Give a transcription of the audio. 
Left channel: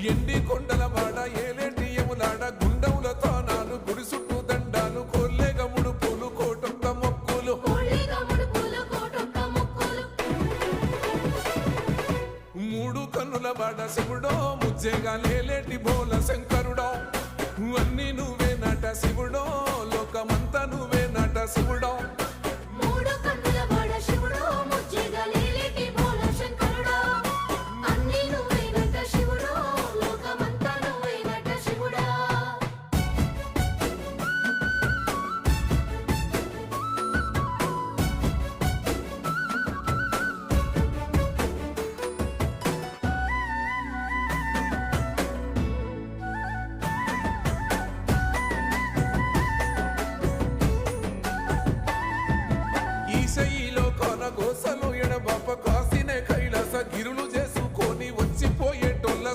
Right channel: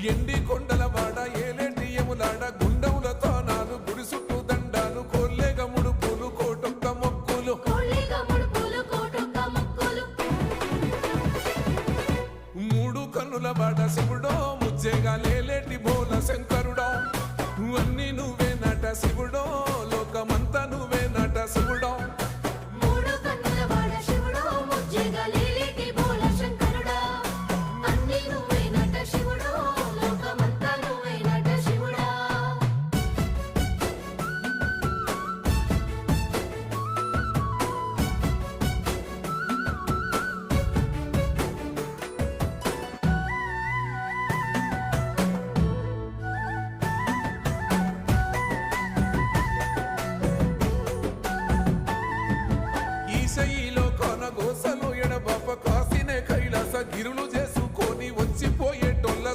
ఎండి కొండల వాడ ఏలేటి యములాడ గుండముల తానాలు గుడి చుట్టూ దండాలు కోల్లేగ ముడుపులు కోటొక్క మొక్కులు మూడు కన్నుల వాడ శివుడో ముజ్జేగా లేలేటి బోల శంకరుడో అన్ని నువ్వే నట శివుడో లోకమంతా నువ్వే నట శివుడో ఈశయిలో కొన గోసలు ఎడబాప కాసినే కైలాస గిరులు చేసుకొని వచ్చిపోయేటోళ్ళ